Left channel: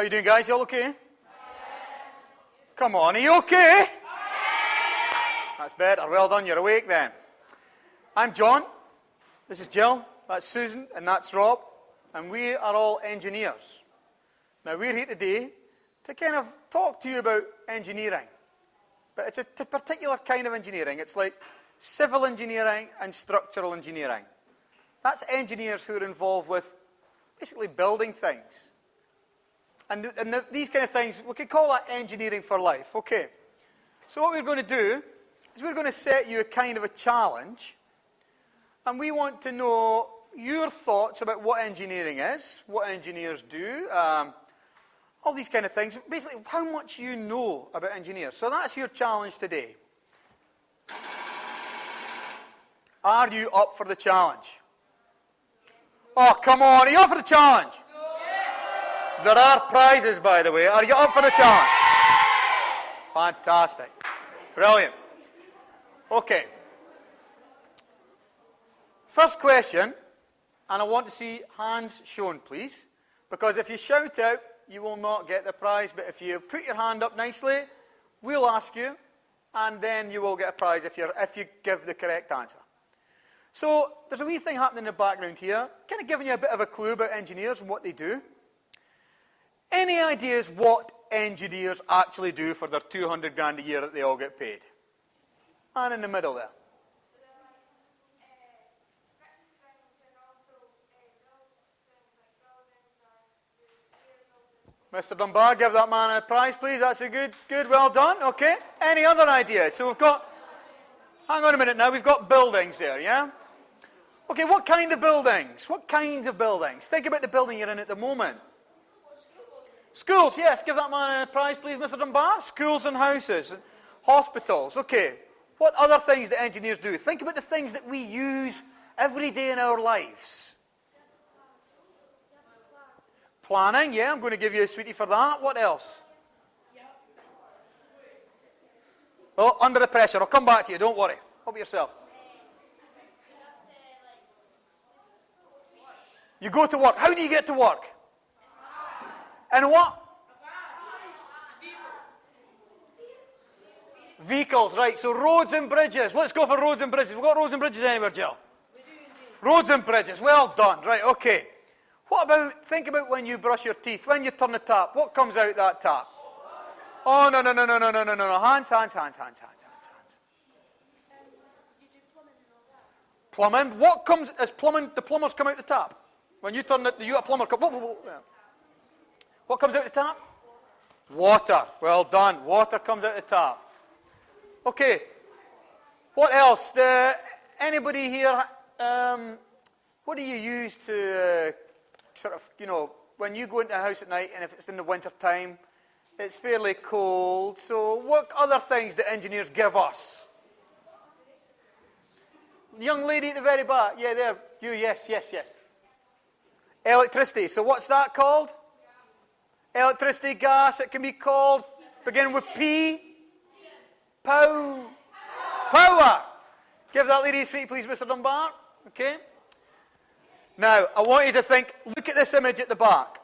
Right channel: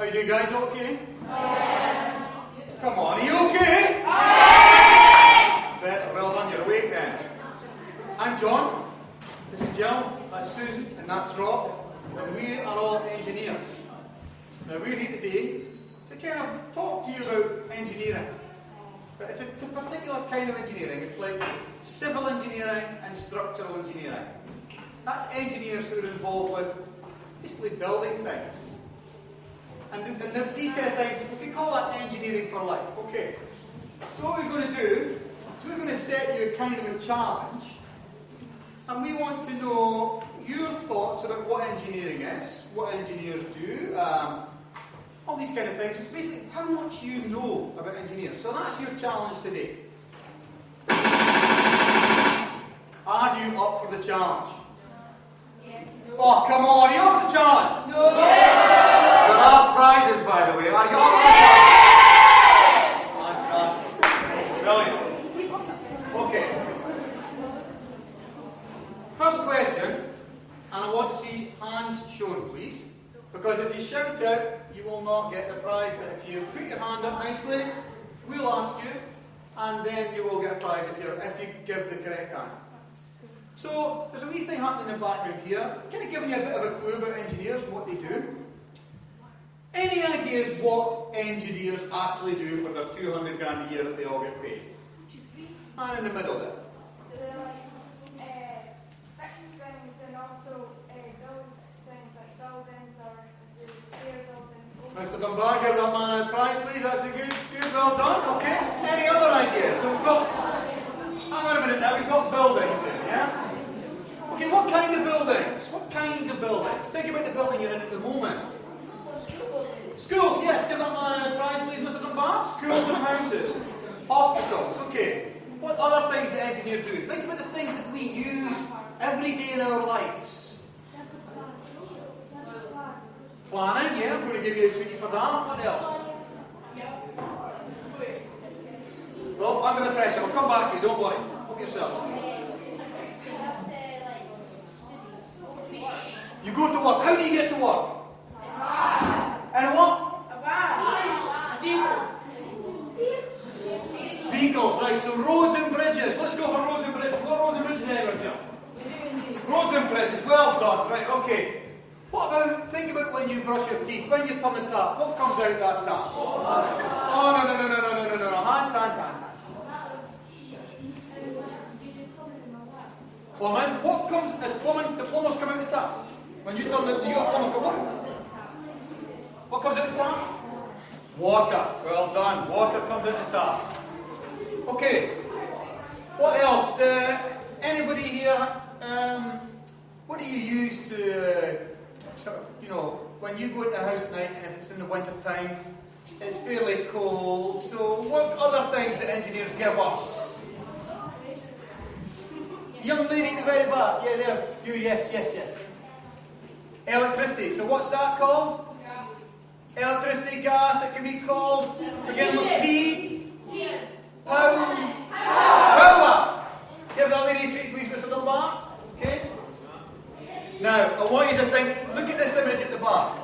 How you doing, guys? You okay? Yes. Come on, are you okay? Yes. That's better. Well done. You're awake then. I'm John. This is Jill. That's Susan, and that's Rob. And we are all engineers. Now we're here today to kind of talk to you about engineering. But it's a particular kind of engineering. It's like civil engineering and structural engineering. That's engineers who are involved with basically building things. And these kind of things, we could call that engineering for life. Okay. So what we're going to do is we're going to set you a kind of a challenge. And we want to know your thoughts about what engineering is, what engineers do, all these kind of things. Basically, how much you know about engineers. So that's your challenge today. Are you up for the challenge? Oh, come on, are you up for the challenge? No. There are prizes, by the way. Are you up for the challenge? Fantastic. Brilliant. Okay. First question, and I want to see hands shown, please. Because if you shout out, you will not get the prize. But if you put your hand up nicely, we'll ask you, and then you will get a prize if you give the correct answer. So, there's a wee thing happening in the background here, kind of giving you a bit of a clue about engineers and what they do. Any ideas what engineers actually do for their 200 grand a year that they all get paid? And in the middle there. Fix things and also build things like buildings or repair buildings. Mr. Dunbar, give that man a prize, please. That's a good, well done. Okay. Any other ideas? So we've got. Hang on a minute now. We've got buildings here, yeah. Okay. What kind of buildings? What kinds of buildings? Think about the building you're in at the moment. Schools, yes. Give that man a prize, please, Mr. Dunbar. Schools and houses. Hospitals. Okay. What other things do engineers do? Think about the things that we use every day in our lives. Planning, yeah, I'm going to give you a sweetie for that. What else? Oh, under the pressure. I'll come back to you, don't worry. Help yourself. You go to work. How do you get to work? And what? Vehicles, right, so roads and bridges. Let's go for roads and bridges. We've got roads and bridges anywhere, Jill? Roads and bridges, well done. Right, okay. What about, think about when you brush your teeth, when you turn the tap, what comes out that tap? Oh, no. Hands. Plumbing. What comes, as plumbing, the plumbers come out the tap? When you turn the, you got a plumber come up. What comes out the tap? Water. Well done. Water comes out the tap. Okay, what else? Anybody here, what do you use to sort of, when you go into a house at night and if it's in the winter time, it's fairly cold, so what other things do engineers give us? Young lady at the very back, yeah, there, you, yes. Electricity, so what's that called? Electricity, gas, it can be called, beginning with P. Power. Give that lady a sweet, please, Mr. Dunbar. Okay. Now, I want you to think, look at this image at the back.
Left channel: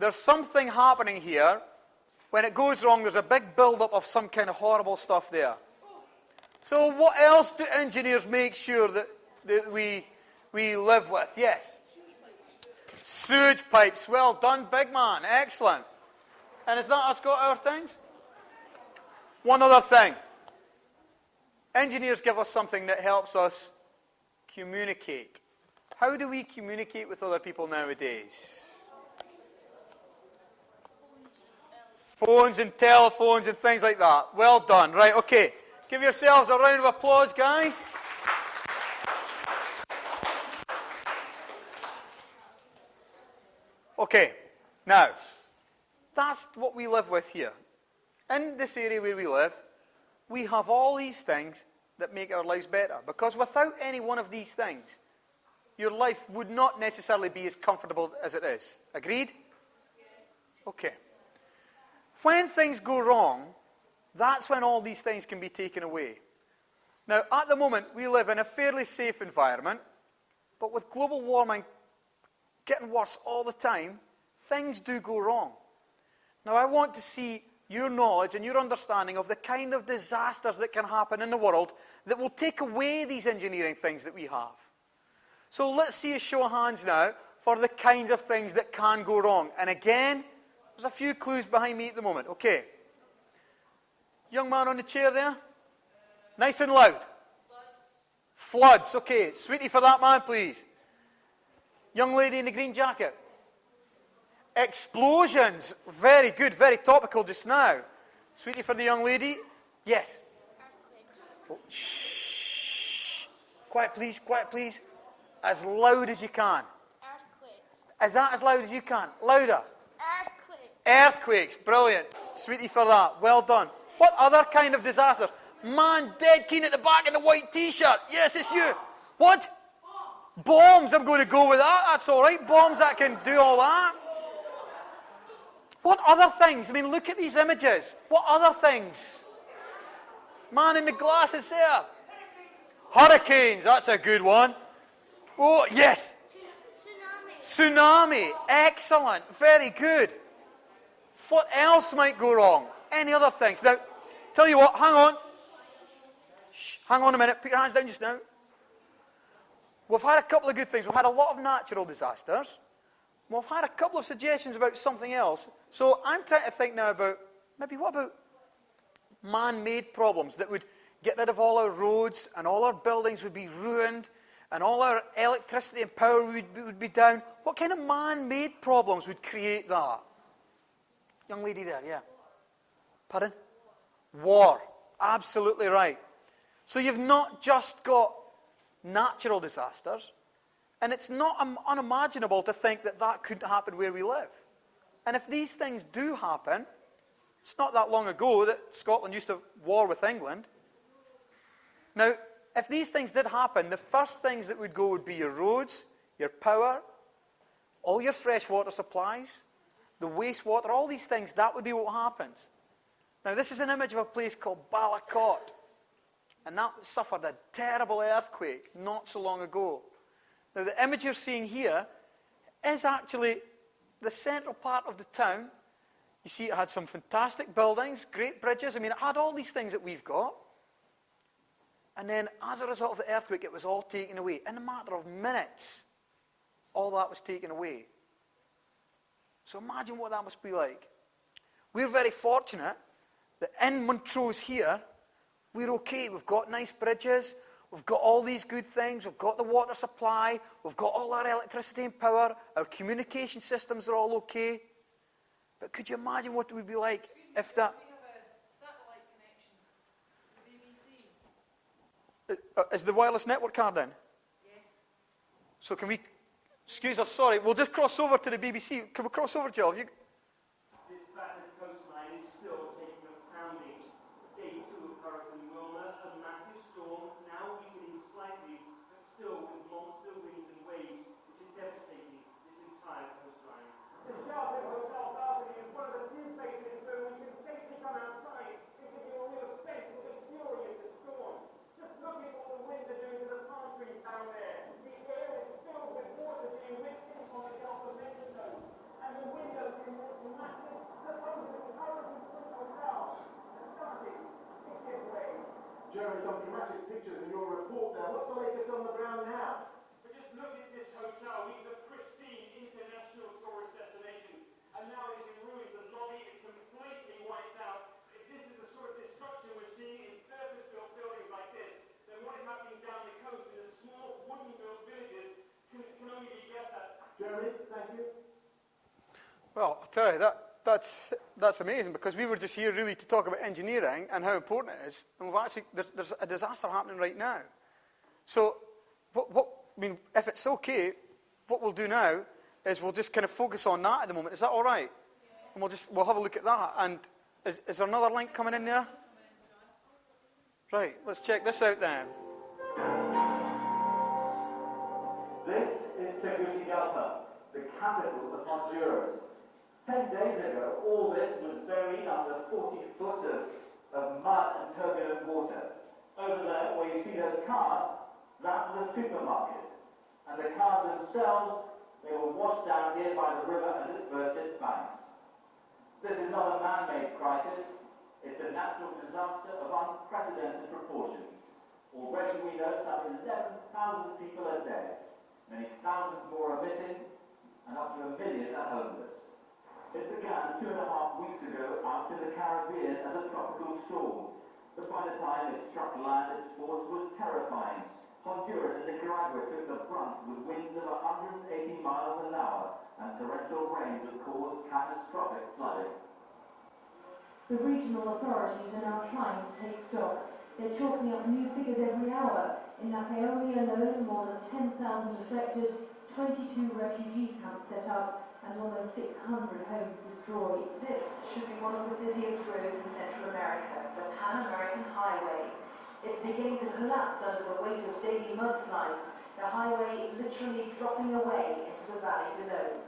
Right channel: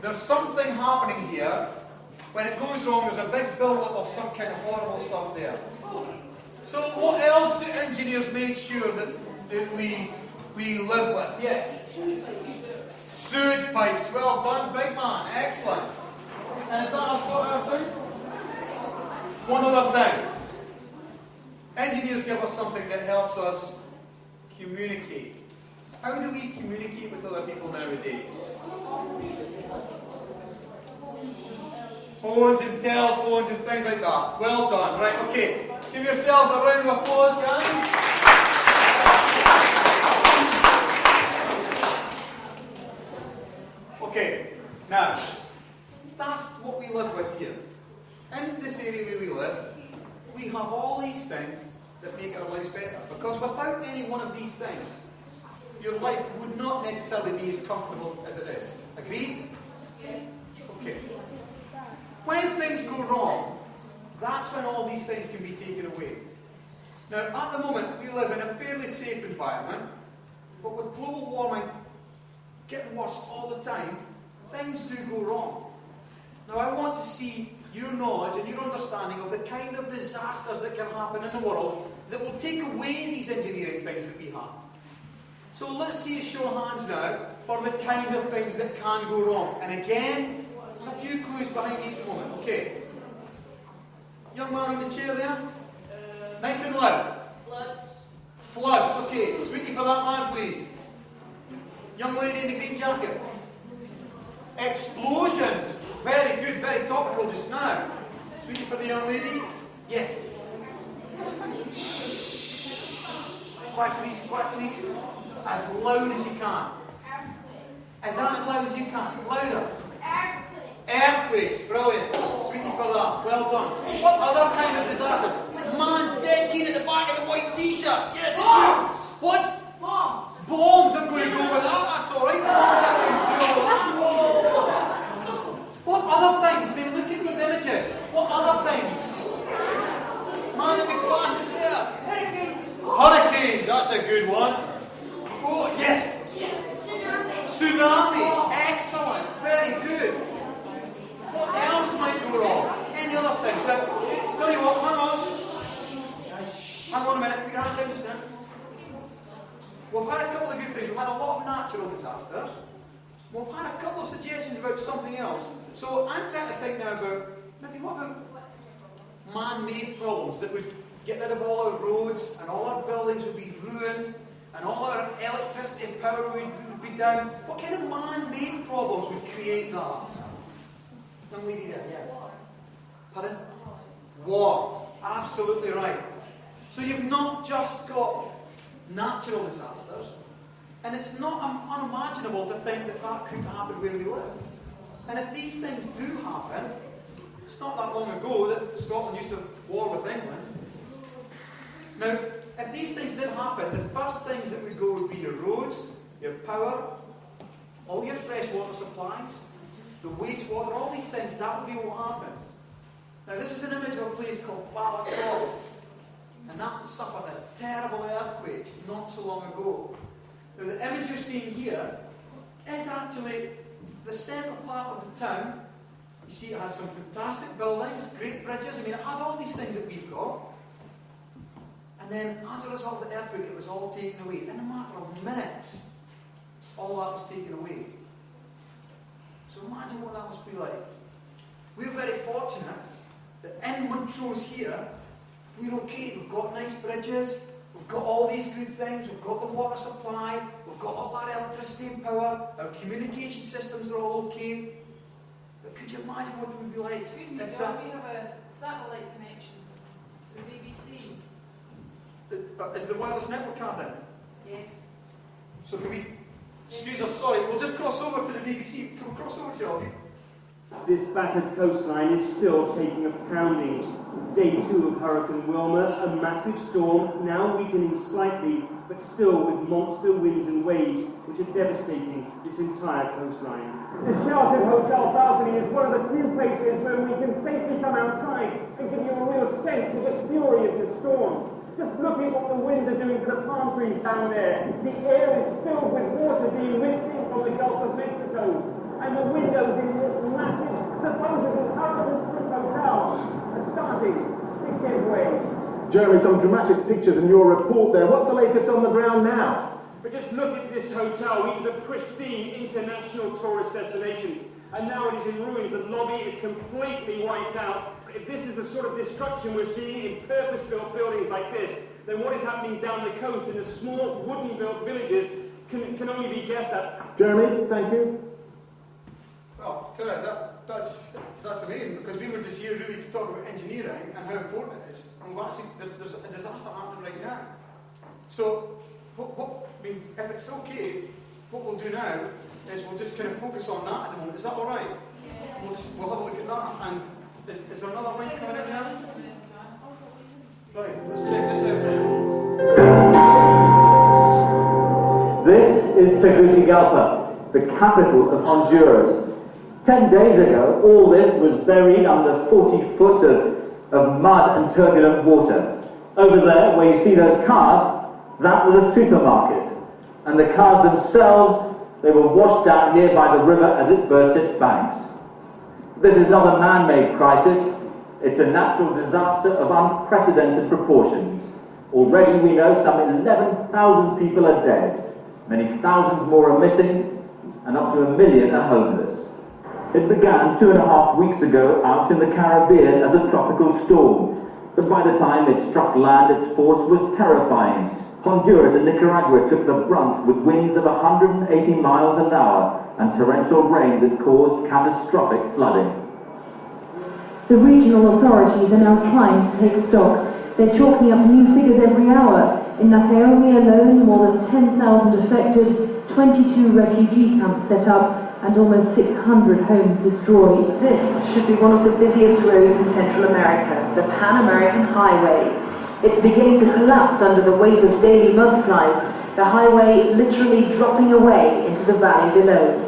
There's something happening here. When it goes wrong, there's a big build-up of some kind of horrible stuff there. So what else do engineers make sure that we live with? Yes? Sewage pipes. Well done, big man. Excellent. And is that us got our things? One other thing. Engineers give us something that helps us communicate. How do we communicate with other people nowadays? Phones and telephones and things like that. Well done. Right, okay. Give yourselves a round of applause, guys. Okay, now, that's what we live with here. In this area where we live, we have all these things that make our lives better. Because without any one of these things, your life would not necessarily be as comfortable as it is. Agreed? Okay. When things go wrong, that's when all these things can be taken away. Now, at the moment, we live in a fairly safe environment, but with global warming getting worse all the time, things do go wrong. Now I want to see your knowledge and your understanding of the kind of disasters that can happen in the world that will take away these engineering things that we have. So let's see a show of hands now for the kinds of things that can go wrong. And again, there's a few clues behind me at the moment. Okay. Young man on the chair there. Nice and loud. Floods. Okay. Sweetie for that man, please. Young lady in the green jacket. Explosions. Very good, very topical just now. Sweetie for the young lady. Yes. Quiet please, quiet please. As loud as you can. Is that as loud as you can? Louder. Earthquakes. Brilliant. Sweetie for that. Well done. What other kind of disaster? Man, dead keen at the back in a white t-shirt. Yes, it's you. What? Bombs. Bombs. I'm going to go with that. That's all right. Bombs, I can do all that. What other things? I mean, look at these images. What other things? Man in the glasses here. Hurricanes. Hurricanes. That's a good one. Oh, yes. Tsunami. Excellent. Very good. What else might go wrong? Any other things? Now, tell you what, hang on. Hang on a minute. Put your hands down just now. We've had a couple of good things. We've had a lot of natural disasters. We've had a couple of suggestions about something else. So I'm trying to think now about, maybe what about man-made problems that would get rid of all our roads and all our buildings would be ruined and all our electricity and power would be down. What kind of man-made problems would create that? Young lady there, yeah. Pardon? War. Absolutely right. So you've not just got natural disasters, and it's not unimaginable to think that that could happen where we live. And if these things do happen, it's not that long ago that Scotland used to war with England. Now, if these things did happen, the first things that would go would be your roads, your power, all your fresh water supplies, the wastewater, all these things, that would be what happens. Now, this is an image of a place called Balaclot, and that suffered a terrible earthquake not so long ago. Now, the image you're seeing here is actually the central part of the town. You see, it had some fantastic buildings, great bridges. I mean, it had all these things that we've got. And then, as a result of the earthquake, it was all taken away. In a matter of minutes, all that was taken away. So imagine what that must be like. We're very fortunate that in Montrose here, we're okay. We've got nice bridges. We've got all these good things. We've got the water supply. We've got all our electricity and power. Our communication systems are all okay. But could you imagine what it would be like if that... We have a satellite connection to the BBC. Is the wireless network card in? Yes. So can we... Excuse us, sorry. We'll just cross over to the BBC. Can we cross over to you all of you? This battered coastline is still taking a pounding. Day 2 of Hurricane Wilma, a massive storm, now weakening slightly, but still with monster winds and waves, which are devastating this entire coastline. The sheltered hotel balcony is one of the few places where we can safely come outside and give you a real sense of the fury of the storm. Just looking what the winds are doing to the palm trees down there. The air is filled with water being whipped in from the Gulf of Mexico. And the windows in this massive, supposedly hurricane-proof hotel are starting to give way. Jeremy, some dramatic pictures in your report there. What's the latest on the ground now? But just look at this hotel, which is a pristine international tourist destination. And now it is in ruins. The lobby is completely wiped out. If this is the sort of destruction we're seeing in purpose-built buildings like this, then what is happening down the coast in the small wooden-built villages can only be guessed at. Jeremy, thank you. Well, Terry, that's amazing, because we were just here really to talk about engineering and how important it is. And we've actually, there's a disaster happening right now. So, I mean, if it's okay, what we'll do now is we'll just kind of focus on that at the moment. Is that all right? And we'll have a look at that. And is there another link coming in there? Right, let's check this out then. This is Tegucigalpa, the capital of Honduras. 10 days ago, all this was buried under 40 foot of mud and turbulent water. Over there, where you see those cars, that was a supermarket. And the cars themselves, they were washed out near by the river as it burst its banks. This is not a man-made crisis. It's a natural disaster of unprecedented proportions. Already we know some 11,000 people are dead. Many thousands more are missing, and up to 1 million are homeless. It began 2.5 weeks ago out in the Caribbean as a tropical storm, but by the time it struck land, its force was terrifying. Honduras and Nicaragua took the brunt with winds of 180 miles an hour and torrential rain that caused catastrophic flooding. The regional authorities are now trying to take stock. They're chalking up new figures every hour. In Nacaome alone, more than 10,000 affected, 22 refugee camps set up, and almost 600 homes destroyed. This should be one of the busiest roads in Central America, the Pan-American Highway. It's beginning to collapse under the weight of daily mudslides, the highway literally dropping away into the valley below.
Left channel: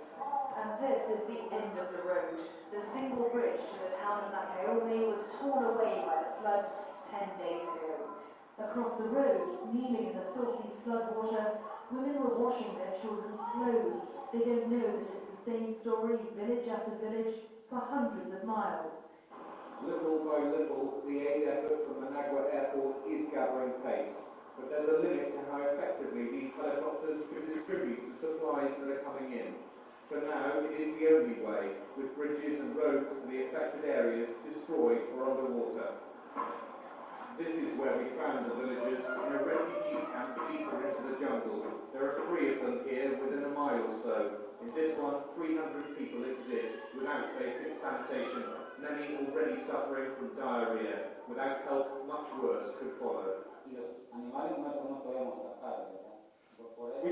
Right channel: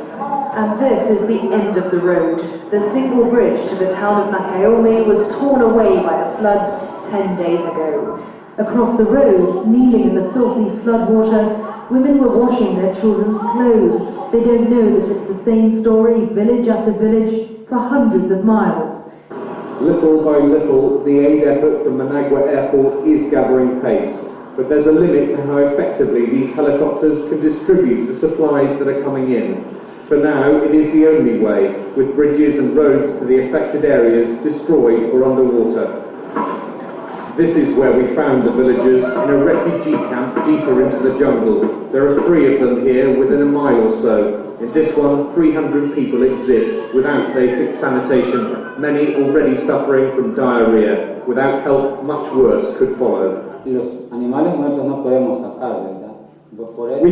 And this is the end of the road. The single bridge to the town of Nacaome was torn away by the floods 10 days ago. Across the road, kneeling in the filthy floodwater, women were washing their children's clothes. They don't know that it's the same story, village after village, for hundreds of miles. Little by little, the aid effort from Managua Airport is gathering pace, but there's a limit to how effectively these helicopters can distribute the supplies that are coming in. For now, it is the only way, with bridges and roads to the affected areas destroyed or underwater. This is where we found the villagers in a refugee camp deeper into the jungle. There are 3 of them here within a mile or so. In this one, 300 people exist without basic sanitation, many already suffering from diarrhea. Without help, much worse could follow. We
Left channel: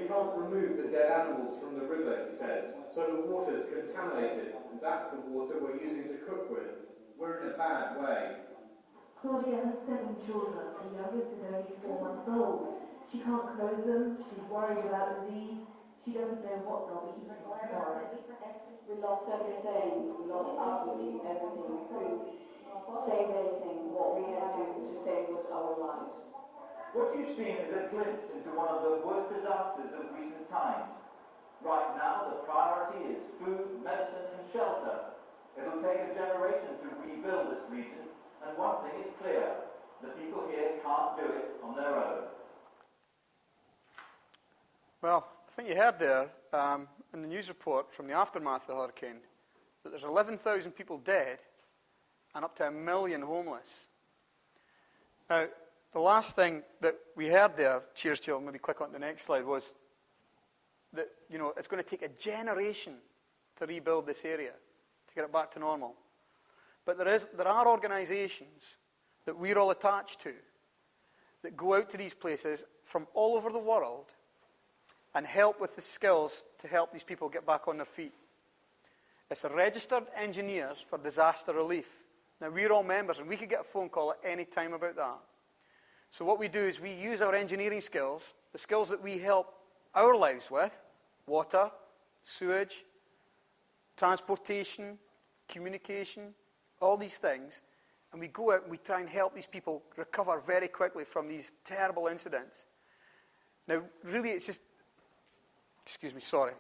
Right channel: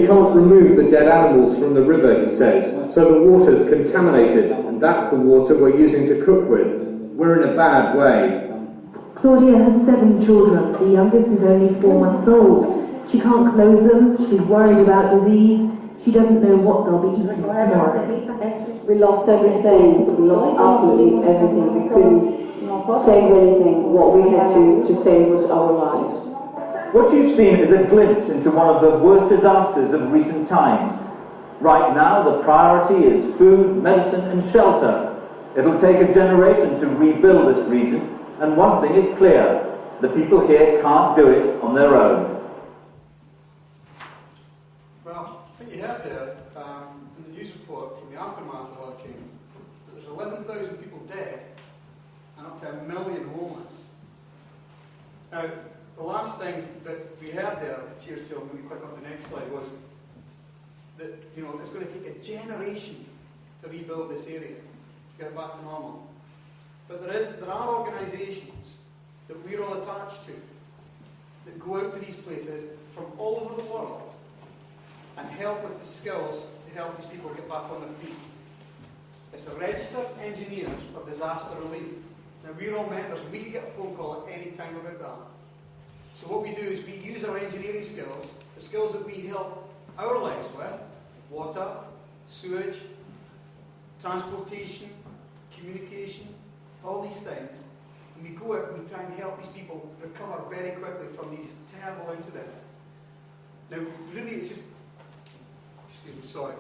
can't remove the dead animals from the river, he says, so the water's contaminated, and that's the water we're using to cook with. We're in a bad way. Claudia has 7 children. The youngest is only 4 months old. She can't clothe them. She's worried about disease. She doesn't know what they'll be eating tomorrow. We lost everything. We lost absolutely everything. We couldn't save anything. What we had to save was our lives. What you've seen is a glimpse into one of the worst disasters of recent times. Right now, the priority is food, medicine, and shelter. It'll take a generation to rebuild this region. And one thing is clear, the people here can't do it on their own. Well, I think you heard there in the news report from the aftermath of the hurricane that there's 11,000 people dead and up to 1 million homeless. Now, the last thing that we heard there, cheers to you, maybe click on the next slide, was that, you know, it's going to take a generation to rebuild this area, to get it back to normal. But there are organisations that we're all attached to that go out to these places from all over the world and help with the skills to help these people get back on their feet. It's a registered engineers for disaster relief. Now we're all members and we can get a phone call at any time about that. So what we do is we use our engineering skills, the skills that we help our lives with, water, sewage, transportation, communication, all these things, and we go out and we try and help these people recover very quickly from these terrible incidents. Now, really, it's just, excuse me, sorry,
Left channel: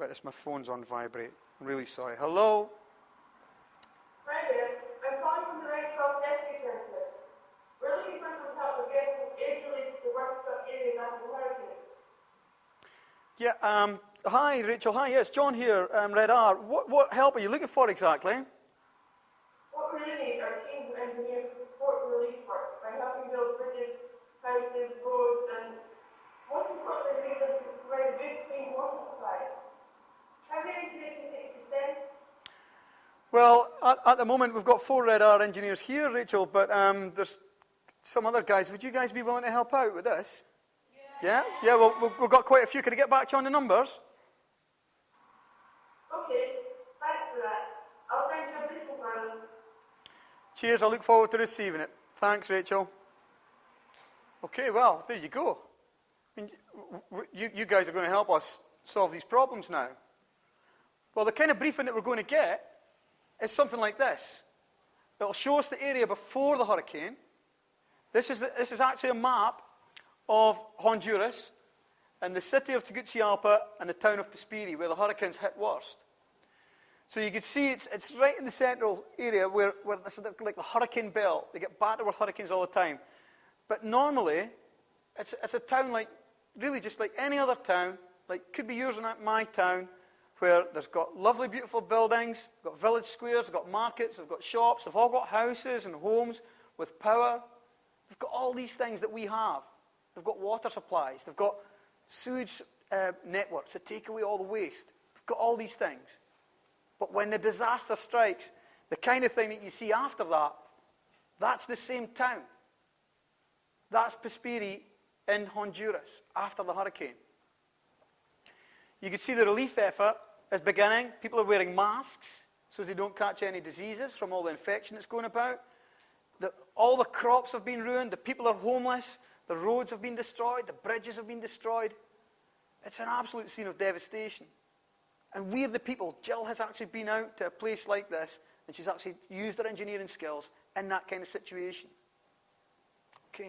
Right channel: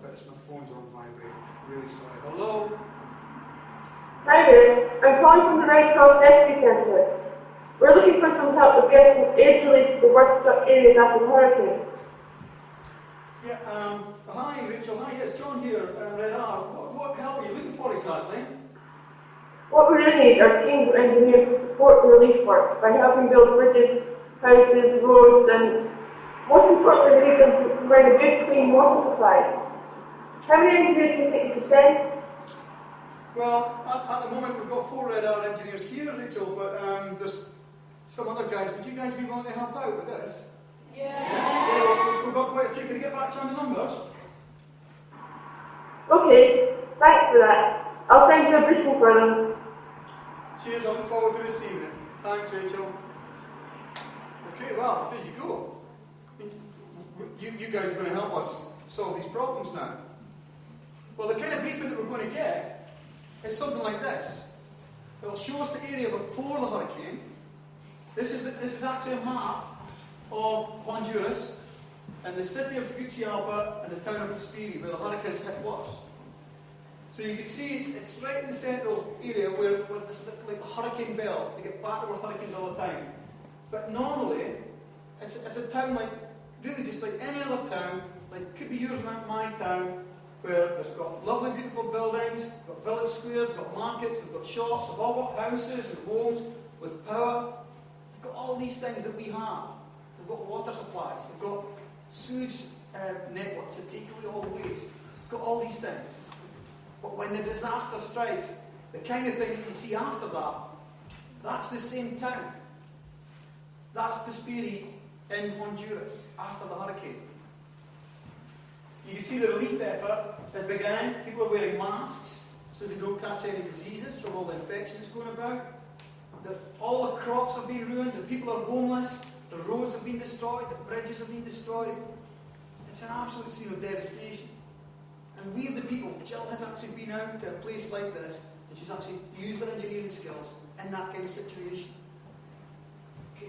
but it's my phone's on vibrate. I'm really sorry. Hello? Hi there. I'm calling from the Red Cross Rescue Centre. We're looking for some help with getting aid relief to the worst struck areas after the hurricane. Yeah, hi Rachel, hi, yes, John here, Red R. What help are you looking for exactly? What we really need are teams of engineers to support the relief work by helping build bridges, houses, roads, and most importantly, we need them to provide a good, clean water supply. How many engineers do you think you could send? Well, at the moment we've got 4 Red R engineers here, Rachel, but there's some other guys. Would you guys be willing to help out with this? Yeah, well, we've got quite a few. Can I get back to you on the numbers? Okay, thanks for that. I'll send you a briefing for them. Cheers, I look forward to receiving it. Thanks, Rachel. Okay, well, there you go. I mean, you guys are going to help us solve these problems now. Well, the kind of briefing that we're going to get is something like this. It'll show us the area before the hurricane. This is actually a map of Honduras and the city of Tegucigalpa and the town of Pispiri, where the hurricanes hit worst. So you can see it's right in the central area where it's like a hurricane belt. They get battered with hurricanes all the time. But normally, it's a town like, really just like any other town, like could be yours and my town, where there's got lovely, beautiful buildings, got village squares, got markets, they've got shops, they've all got houses and homes with power. They've got all these things that we have. They've got water supplies, they've got sewage networks that take away all the waste. They've got all these things. But when the disaster strikes, the kind of thing that you see after that, that's the same town. That's Pesperi in Honduras after the hurricane. You can see the relief effort is beginning. People are wearing masks so they don't catch any diseases from all the infection that's going about. All the crops have been ruined. The people are homeless. The roads have been destroyed. The bridges have been destroyed. It's an absolute scene of devastation. And we are the people. Jill has actually been out to a place like this, and she's actually used her engineering skills in that kind of situation. Okay.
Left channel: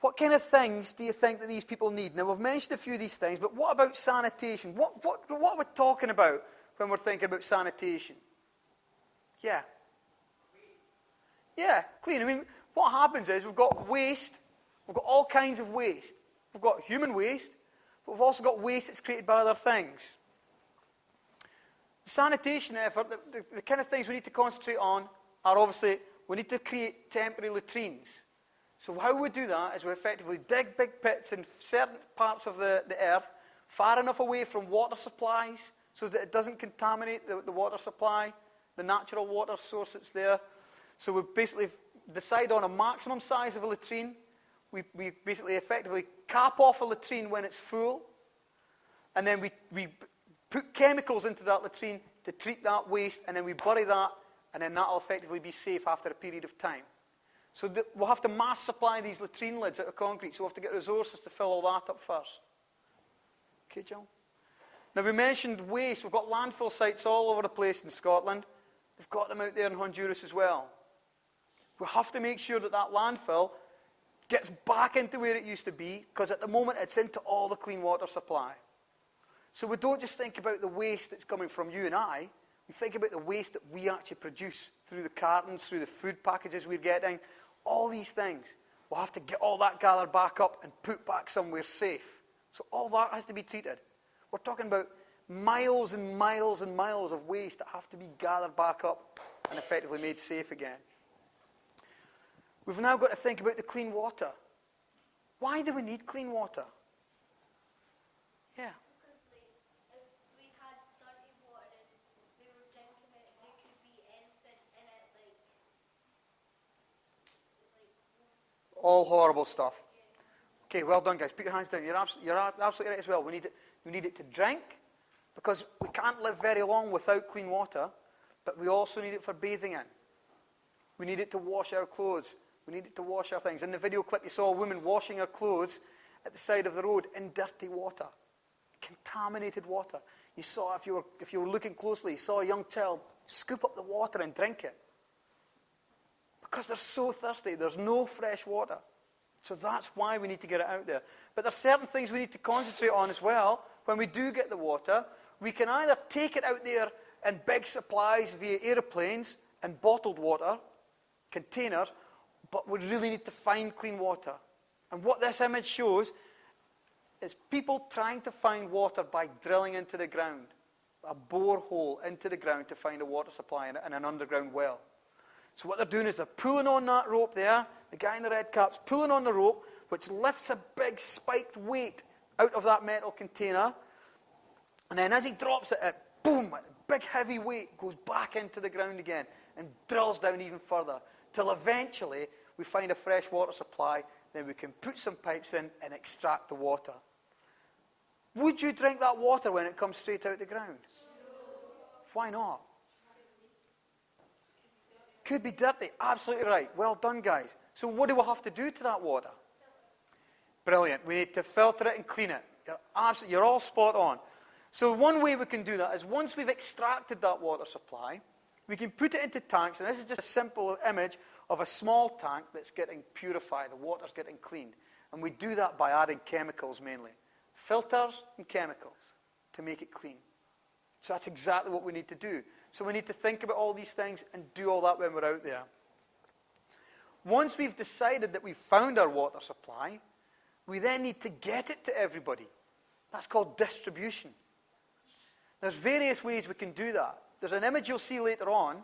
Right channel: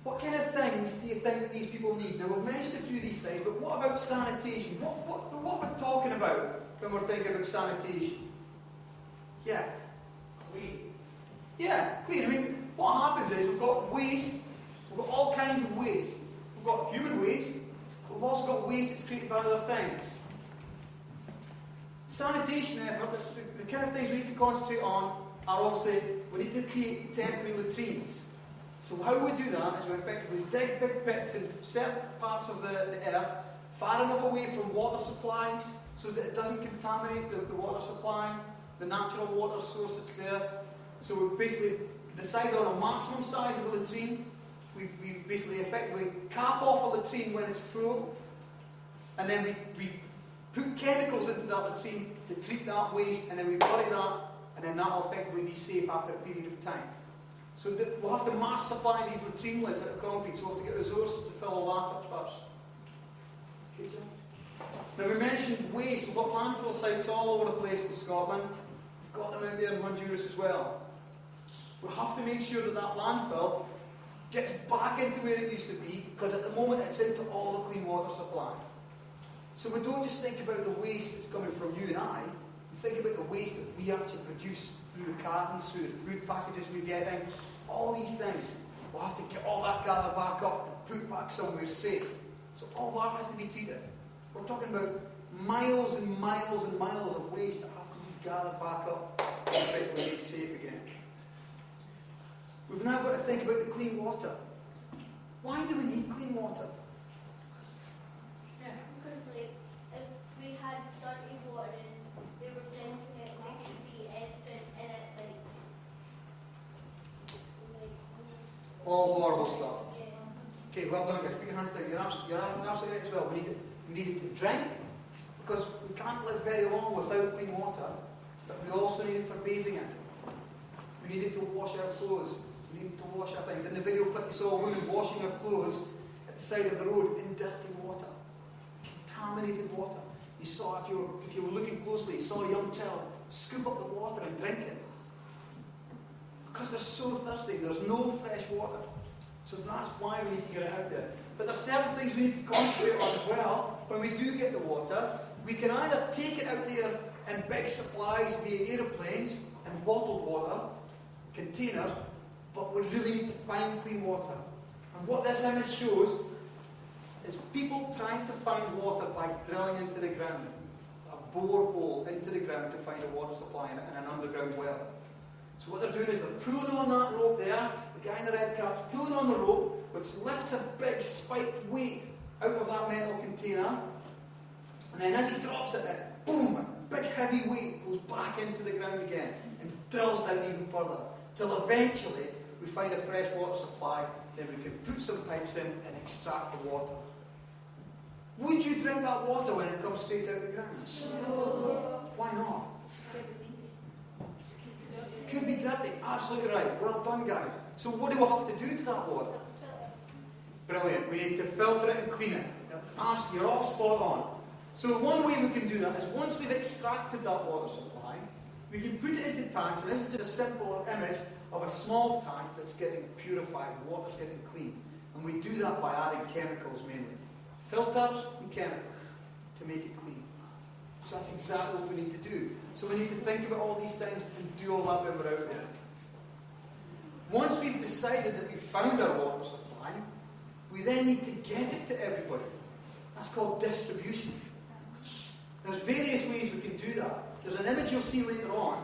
What kind of things do you think that these people need? Now, we've mentioned a few of these things, but what about sanitation? What are we talking about when we're thinking about sanitation? Yeah. Clean. Yeah, clean. I mean, what happens is we've got waste. We've got all kinds of waste. We've got human waste. But we've also got waste that's created by other things. Sanitation effort, the kind of things we need to concentrate on are obviously, we need to create temporary latrines. So how we do that is we effectively dig big pits in certain parts of the earth, far enough away from water supplies, so that it doesn't contaminate the water supply, the natural water source that's there. So we basically decide on a maximum size of a latrine. We basically effectively cap off a latrine when it's full, and then we put chemicals into that latrine to treat that waste, and then we bury that, and then that will effectively be safe after a period of time. So we'll have to mass supply these latrine lids out of concrete, so we'll have to get resources to fill all that up first. Okay, Jill? Now we mentioned waste. We've got landfill sites all over the place in Scotland. We've got them out there in Honduras as well. We have to make sure that that landfill gets back into where it used to be, because at the moment it's into all the clean water supply. So we don't just think about the waste that's coming from you and I, we think about the waste that we actually produce through the cartons, through the food packages we're getting, all these things. We'll have to get all that gathered back up and put back somewhere safe. So all that has to be treated. We're talking about miles and miles and miles of waste that have to be gathered back up and effectively made safe again. We've now got to think about the clean water. Why do we need clean water? Yeah. Because, like, if we had dirty water and they were drinking it, there could be anything in it, like all horrible stuff. Okay, well done, guys. Put your hands down. You're absolutely right as well. We need it to drink, because we can't live very long without clean water, but we also need it for bathing in. We need it to wash our clothes. We needed to wash our things. In the video clip, you saw a woman washing her clothes at the side of the road in dirty water, contaminated water. You saw, if you were looking closely, you saw a young child scoop up the water and drink it, because they're so thirsty. There's no fresh water. So that's why we need to get it out there. But there's certain things we need to concentrate on as well. When we do get the water, we can either take it out there in big supplies via aeroplanes and bottled water, containers, but we really need to find clean water. And what this image shows is people trying to find water by drilling into the ground, a borehole into the ground to find a water supply in an underground well. So what they're doing is they're pulling on that rope there, the guy in the red cap's pulling on the rope, which lifts a big spiked weight out of that metal container, and then as he drops it, boom, a big heavy weight goes back into the ground again and drills down even further, till eventually we find a fresh water supply, then we can put some pipes in and extract the water. Would you drink that water when it comes straight out the ground? No. Why not? Could be dirty. Absolutely right. Well done, guys. So what do we have to do to that water? Brilliant. We need to filter it and clean it. You're all spot on. So one way we can do that is once we've extracted that water supply, we can put it into tanks, and this is just a simple image of a small tank that's getting purified, the water's getting clean. And we do that by adding chemicals mainly. Filters and chemicals to make it clean. So that's exactly what we need to do. So we need to think about all these things and do all that when we're out there. Once we've decided that we've found our water supply, we then need to get it to everybody. That's called distribution. There's various ways we can do that. There's an image you'll see later on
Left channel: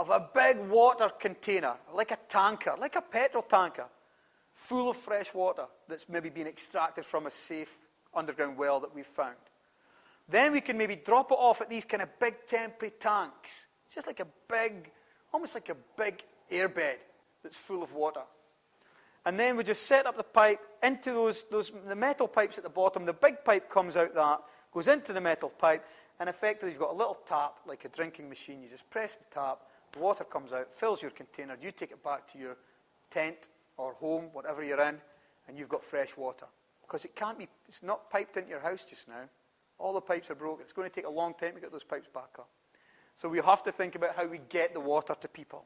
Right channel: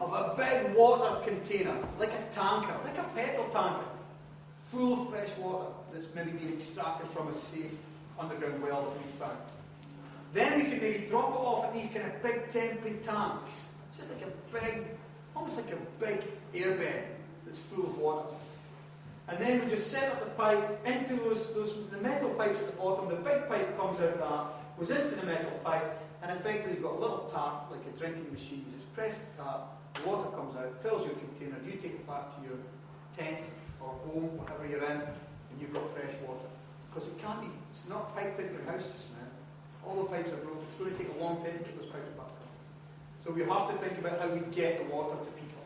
of a big water container, like a tanker, like a petrol tanker, full of fresh water that's maybe been extracted from a safe underground well that we've found. Then we can maybe drop it off at these kind of big temporary tanks. It's just like a big, almost like a big airbed that's full of water. And then we just set up the pipe into the metal pipes at the bottom. The big pipe comes out that, goes into the metal pipe, and effectively you've got a little tap, like a drinking machine. You just press the tap, the water comes out, fills your container, you take it back to your tent or home, whatever you're in, and you've got fresh water. Because it's not piped into your house just now. All the pipes are broken. It's going to take a long time to get those pipes back up. So we have to think about how we get the water to people.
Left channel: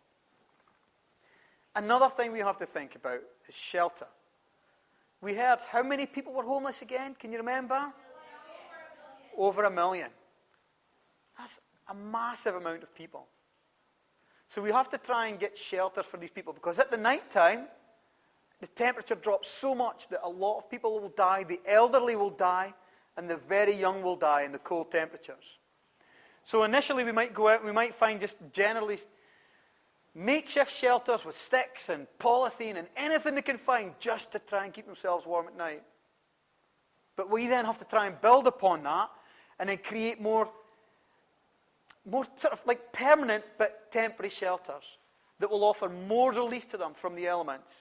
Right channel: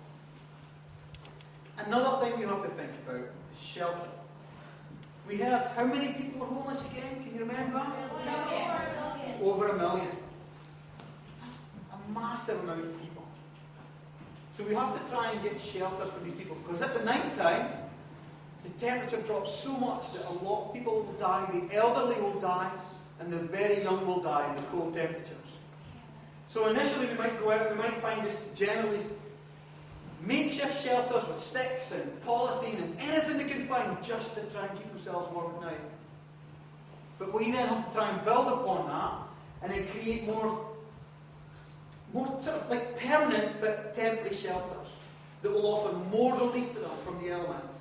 Another thing we have to think about is shelter. We heard how many people were homeless again? Can you remember? Over 1 million. That's a massive amount of people. So we have to try and get shelter for these people, because at the night time, the temperature drops so much that a lot of people will die, the elderly will die, and the very young will die in the cold temperatures. So initially we might go out, we might find just generally makeshift shelters with sticks and polythene and anything they can find just to try and keep themselves warm at night. But we then have to try and build upon that and then create more sort of like permanent but temporary shelters that will offer more relief to them from the elements.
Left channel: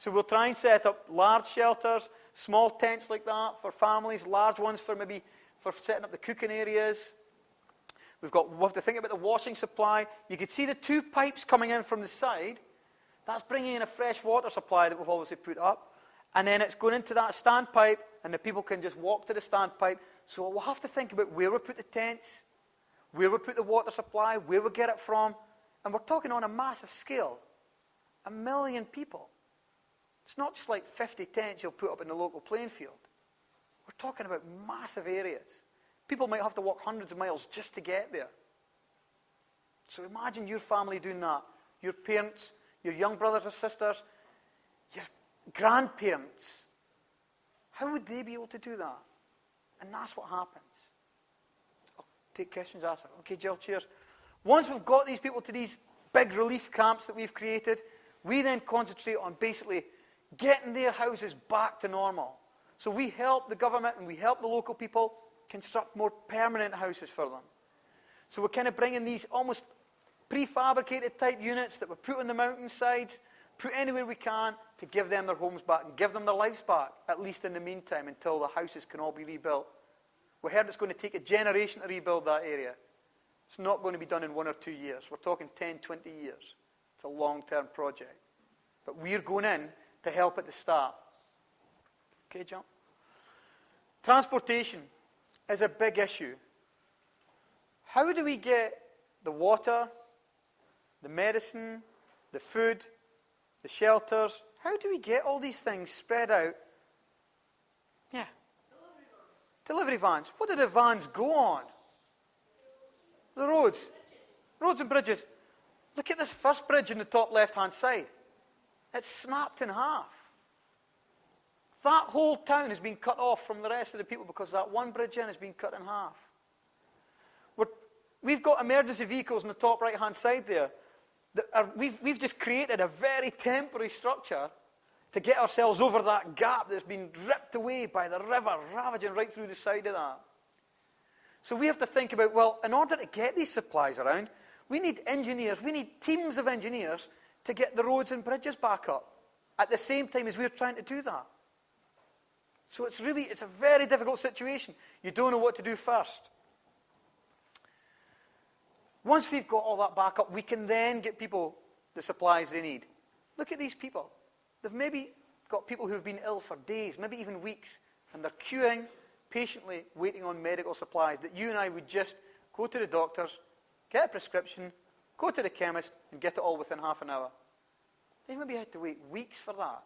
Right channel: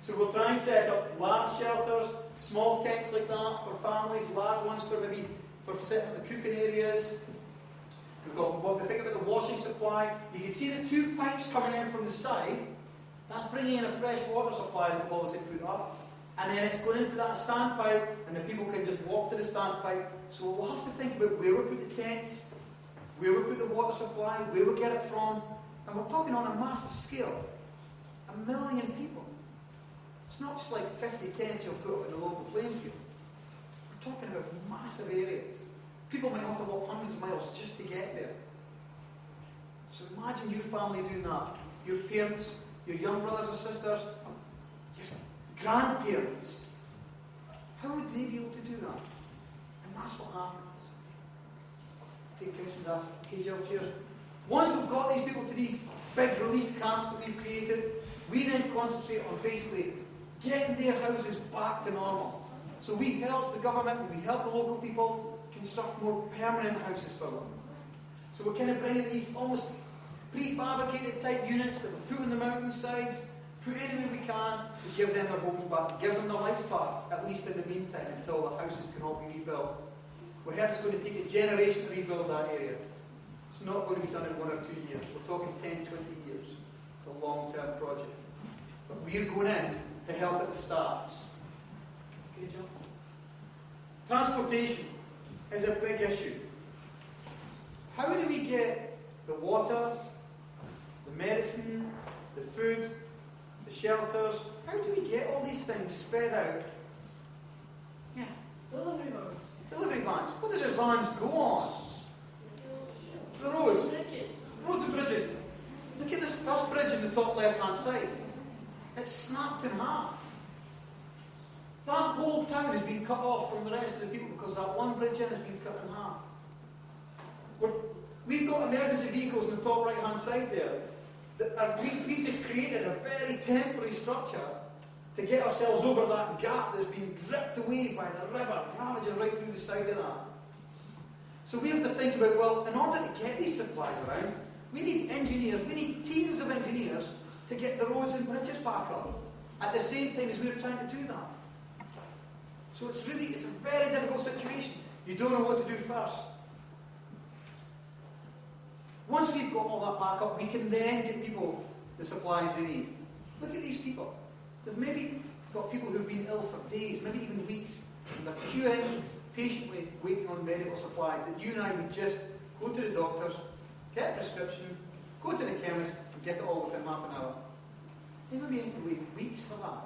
So we'll try and set up large shelters, small tents like that for families, large ones for maybe for setting up the cooking areas. We'll have to think about the washing supply. You can see the two pipes coming in from the side. That's bringing in a fresh water supply that we've obviously put up. And then it's going into that standpipe, and the people can just walk to the standpipe. So we'll have to think about where we put the tents, where we put the water supply, where we get it from. And we're talking on a massive scale. 1 million people. It's not just like 50 tents you'll put up in the local playing field. We're talking about massive areas. People might have to walk hundreds of miles just to get there. So imagine your family doing that. Your parents, your young brothers and sisters, your grandparents. How would they be able to do that? And that's what happens. Take questions, ask. Okay, Jill, cheers. Once we've got these people to these big relief camps that we've created, we then concentrate on basically getting their houses back to normal. So we help the government and we help the local people construct more permanent houses for them. So we're kind of bringing these almost prefabricated type units that we put on the mountainsides, put anywhere we can to give them their homes back, give them their lives back, at least in the meantime, until the houses can all be rebuilt. We heard it's going to take a generation to rebuild that area. It's not going to be done in 1 or 2 years. We're talking 10, 20 years. It's a long-term project. But we're going in to help at the start. Okay, John? Transportation is a big issue. How do we get the water, the medicine, the food, the shelters, how do we get all these things spread out? Yeah. Delivery vans. Delivery vans. What do the vans go on? The roads. Bridges. Roads and bridges. Look at this first bridge in the top left-hand side. It's snapped in half. That whole town has been cut off from the rest of the people because that one bridge in has been cut in half. We've got emergency vehicles on the top right-hand side there. We've just created a very temporary structure to get ourselves over that gap that's been ripped away by the river, ravaging right through the side of that. So we have to think about, well, in order to get these supplies around, we need engineers, we need teams of engineers to get the roads and bridges back up at the same time as we're trying to do that. So it's a very difficult situation. You don't know what to do first. Once we've got all that back up, we can then get people the supplies they need. Look at these people. They've maybe got people who've been ill for days, maybe even weeks. They're queuing, patiently waiting on medical supplies that you and I would just go to the doctors, get a prescription, go to the chemist, and get it all within half an hour. They maybe had to wait weeks for that,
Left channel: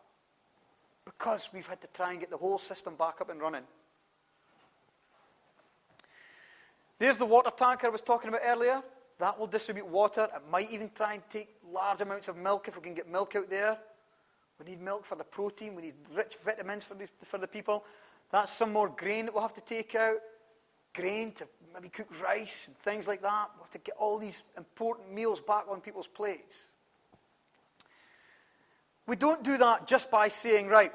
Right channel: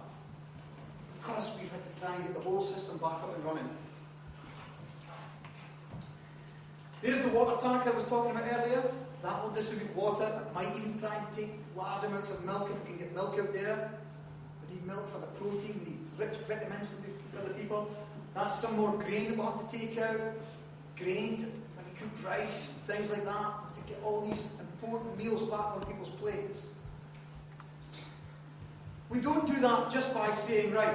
because we've had to try and get the whole system back up and running. There's the water tank I was talking about earlier. That will distribute water. It might even try and take large amounts of milk if we can get milk out there. We need milk for the protein. We need rich vitamins for the people. That's some more grain that we'll have to take out. Grain to maybe cook rice, things like that. We'll have to get all these important meals back on people's plates. We don't do that just by saying, right,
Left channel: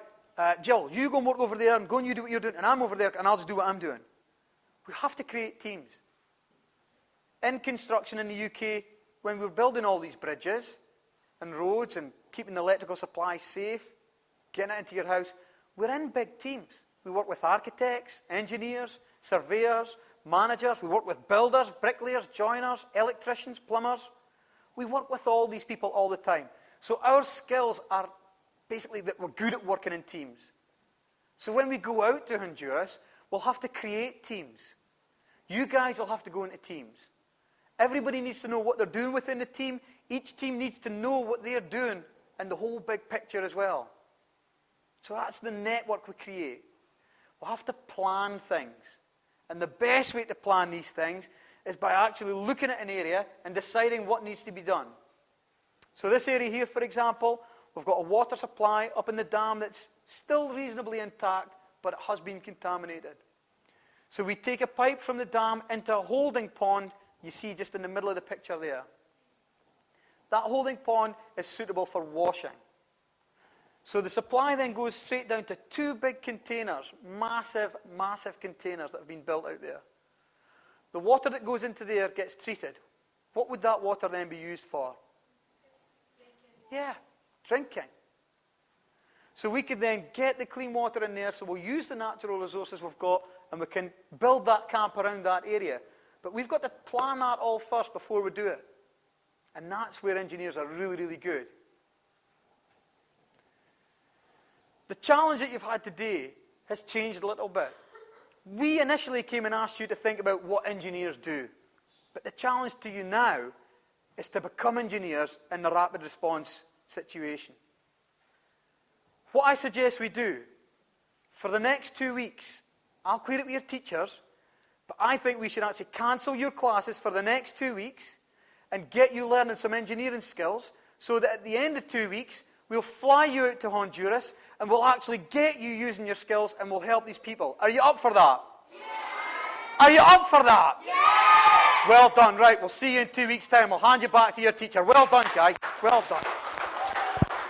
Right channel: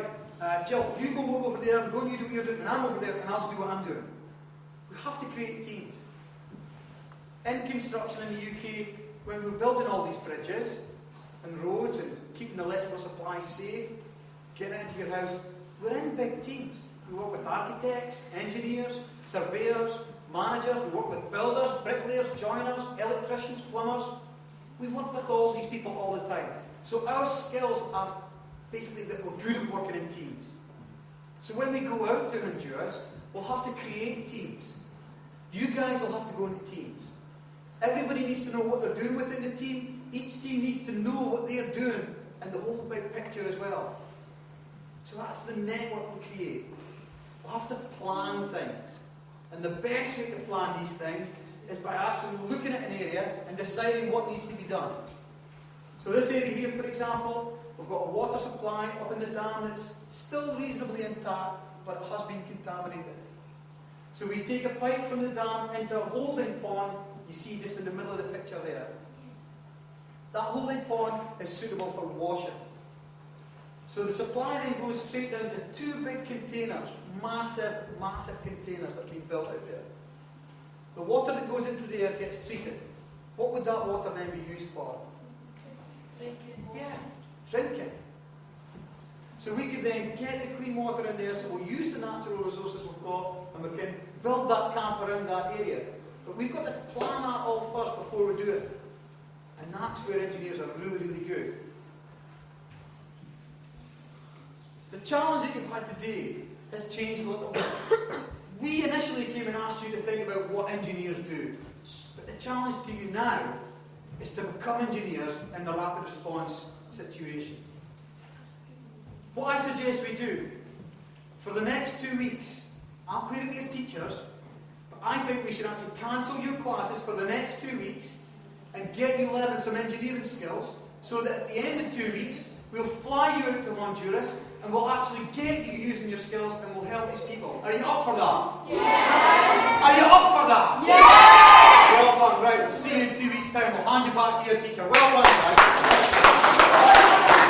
Jill, you go and work over there, go and you do what you're doing, and I'm over there and I'll just do what I'm doing. We have to create teams. In construction in the UK, when we're building all these bridges and roads and keeping the electrical supply safe, getting it into your house, we're in big teams. We work with architects, engineers, surveyors, managers. We work with builders, bricklayers, joiners, electricians, plumbers. We work with all these people all the time. So our skills are basically that we're good at working in teams. So when we go out to Honduras, we'll have to create teams. You guys will have to go into teams. Everybody needs to know what they're doing within the team. Each team needs to know what they're doing and the whole big picture as well. So that's the network we create. We'll have to plan things. And the best way to plan these things is by actually looking at an area and deciding what needs to be done. So this area here, for example, we've got a water supply up in the dam that's still reasonably intact, but it has been contaminated. So we take a pipe from the dam into a holding pond, you see just in the middle of the picture there. That holding pond is suitable for washing. So the supply then goes straight down to two big containers, massive, massive containers that have been built out there. The water that goes into there gets treated. What would that water then be used for? Drinking. Yeah, drinking. So we could then get the clean water in there, so we'll use the natural resources we've got, and we can build that camp around that area. But we've got to plan that all first before we do it. And that's where engineers are really, really good. The challenge that you've had today has changed a little bit. We initially came and asked you to think about what engineers do. But the challenge to you now is to become engineers in the rapid response situation. What I suggest we do, for the next 2 weeks, I'll clear it with your teachers, but I think we should actually cancel your classes for the next 2 weeks and get you learning some engineering skills so that at the end of 2 weeks, we'll fly you out to Honduras and we'll actually get you using your skills and we'll help these people. Are you up for that? Yeah. Are you up for that? Yeah. Well done. Right, we'll see you in 2 weeks' time. We'll hand you back to your teacher. Well done, guys. Well done.